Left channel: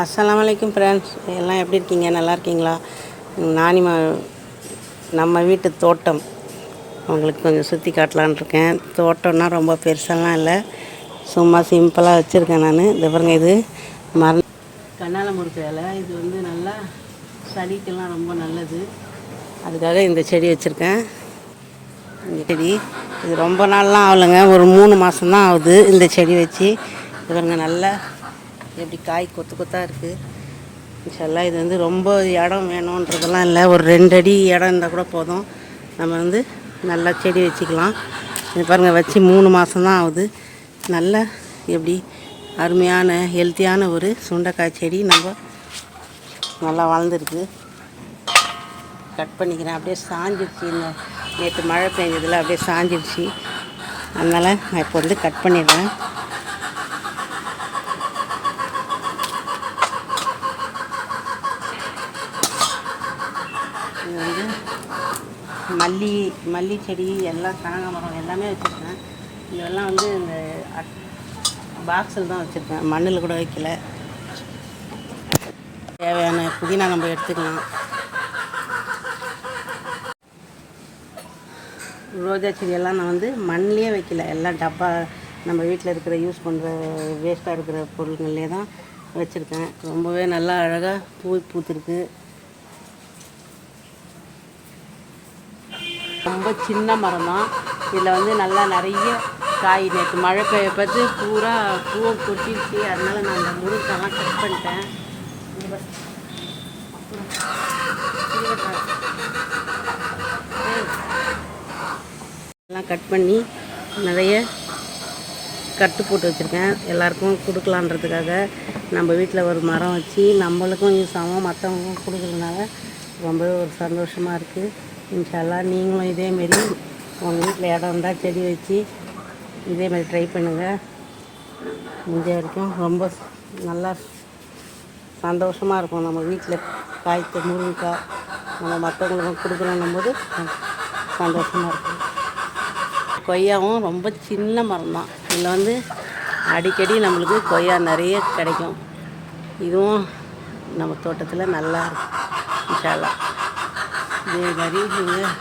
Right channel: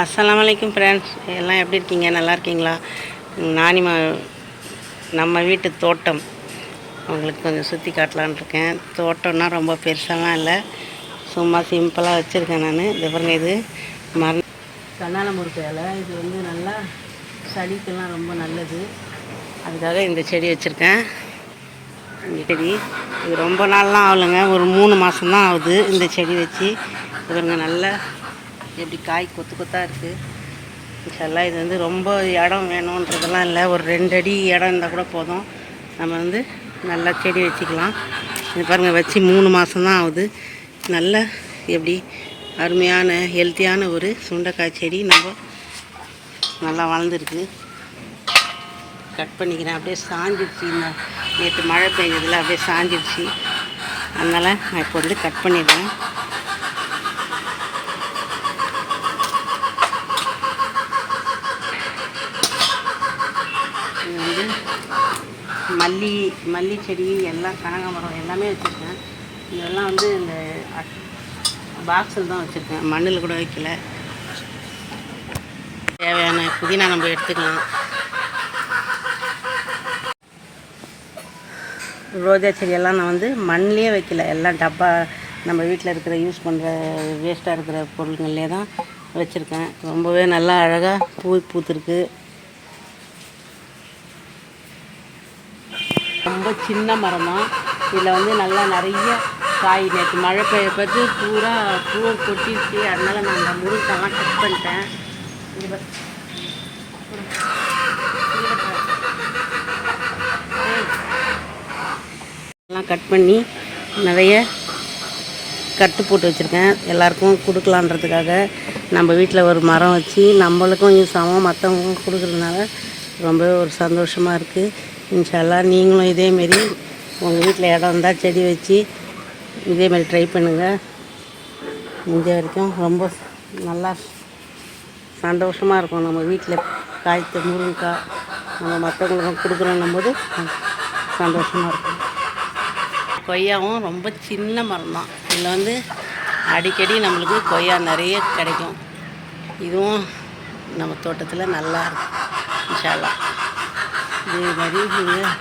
அஸ்ஸலாமு அலைக்கும் ஃப்ரெண்ட்ஸ், எல்லாம் எப்படி இருக்கீங்க? நல்லா இருக்கீங்களா? நம்ம வீட்டு தோட்டம் உங்களுக்கு கொஞ்சம் சுற்றி காட்டலான்னு இருக்கேன். தோட்டம்னா ரொம்ப பெருசாலாம் இல்லை, சும்மா சிம்பிளாக வச்சுருக்கேன் நான். இது பாருங்க, இது கண்ணால முருங்கை இலை. இது வந்து நல்லா சளிக்கெல்லாம் ரொம்ப நல்லது, அதுக்காக இந்த செடி வச்சுருக்கேன். இந்த செடி இது ரொம்ப நாள்லாம் ஆகலைங்க, ஒரு 3 மாதம்தான் ஆகுது இந்த செடி வச்சு. இவருங்க நல்லா எப்படி காய் கொத்து கொத்தாக இருக்குது. இன்ஷால்லாம் இது வந்து ரொம்ப இடம் வேணுன்றதெல்லாம் இல்லை, ஒரு 2 அடி இடம் இருந்தால் கூட போதும். நம்ம வந்து நல்லா செடி வச்சுக்கலாம். இது பாருங்கள், வச்சு 3 மாதம்தான் ஆகுது. நல்ல எப்படி அருமையான ஹெல்த்தியான ஒரு சுண்டைக்காய் செடி நம்ம நல்லா வளர்ந்துருக்கு. கட் பண்ணிக்கிறேன். அப்படியே சாஞ்சிடுச்சு, இந்த நேற்று மழை பெஞ்சதில் அப்படியே சாஞ்சிடுச்சு. அதனால் நான் இப்போ வந்து கட் பண்ணிடுறேன். இது வந்து மல்லி செடி எல்லாம், கனகாமரம் எல்லாமே வச்சுருக்கேன். இதெல்லாம் வந்து இந்த பாக்ஸில் தான் வச்சுருக்கேன், மண்ணில் கூட வைக்கல. தேவையான புதினா நம்ம எடுத்துக்கலாம். ரோஜா செடியெல்லாம் நான் வந்து மண்ணிலே வைக்கல, எல்லாம் டப்பா நம்ம வீட்டில் இருக்கிற யூஸ் பண்ணுற வேஸ்ட்டாக இருக்கிற பொருள்கள்லே தான் வச்சுருக்கேன். ரொம்பவே நல்லா அழகாக பூத்துருக்கு. ரொம்ப சின்ன மரம் தான். இதில் வந்து நல்லா நிறைய காய், நேற்று மழை பெய்ய பார்த்து பூரா பூவை கொட்டிடுச்சு. அதனால் நான் அந்த முருங்கைக்காய்லாம் கட் பண்ணிட்டேன். எல்லாம் கட் பண்ணி நிறைய கட்டு போட்டு வச்சுருக்கேன், எல்லாருக்கும் கொடுக்கலான்றதுக்காக. நம்ம வீட்டில் ஒரு மரம் வச்சு நம்மளுக்கும் யூஸ் ஆகும், மற்றவங்களுக்கும் கொடுக்குறதுனால ரொம்பவே ஒரு சந்தோஷமாக இருக்குது. இன்ஷால்லா நீங்களும் இதேமாரி உங்கள் வீட்டில் இடம் இருந்தால் செடி வச்சு இதேமாரி ட்ரை பண்ணுங்கள். முடிஞ்ச வரைக்கும் ரொம்ப நல்லா சந்தோஷமாக இருக்கும். நம்ம வீட்டில் காய்த்த முருங்கைக்காய் நம்ம மற்றவங்களுக்கும் கொடுக்குறோன்னும் போது சந்தோஷமாக இருக்கும். கொய்யாவும் ரொம்ப சின்ன மரம் தான். இதில் வந்து அடிக்கடி நம்மளுக்கு கொய்யா நிறைய கிடைக்கும். இதுவும் நம்ம தோட்டத்தில் நல்லா இருக்கும். இன்ஷால்லா இதே மாதிரி நீங்கள்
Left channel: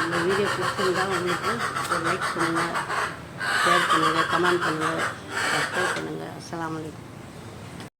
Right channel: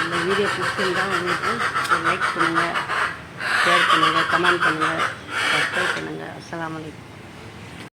இந்த வீடியோ பிடிச்சிருந்தால் உங்களுக்கு லைக் பண்ணுங்கள், ஷேர் பண்ணுங்கள், கமெண்ட் பண்ணுங்கள், சப்ஸ்கிரைப் பண்ணுங்கள். அஸ்ஸலாமு அலைக்கும்.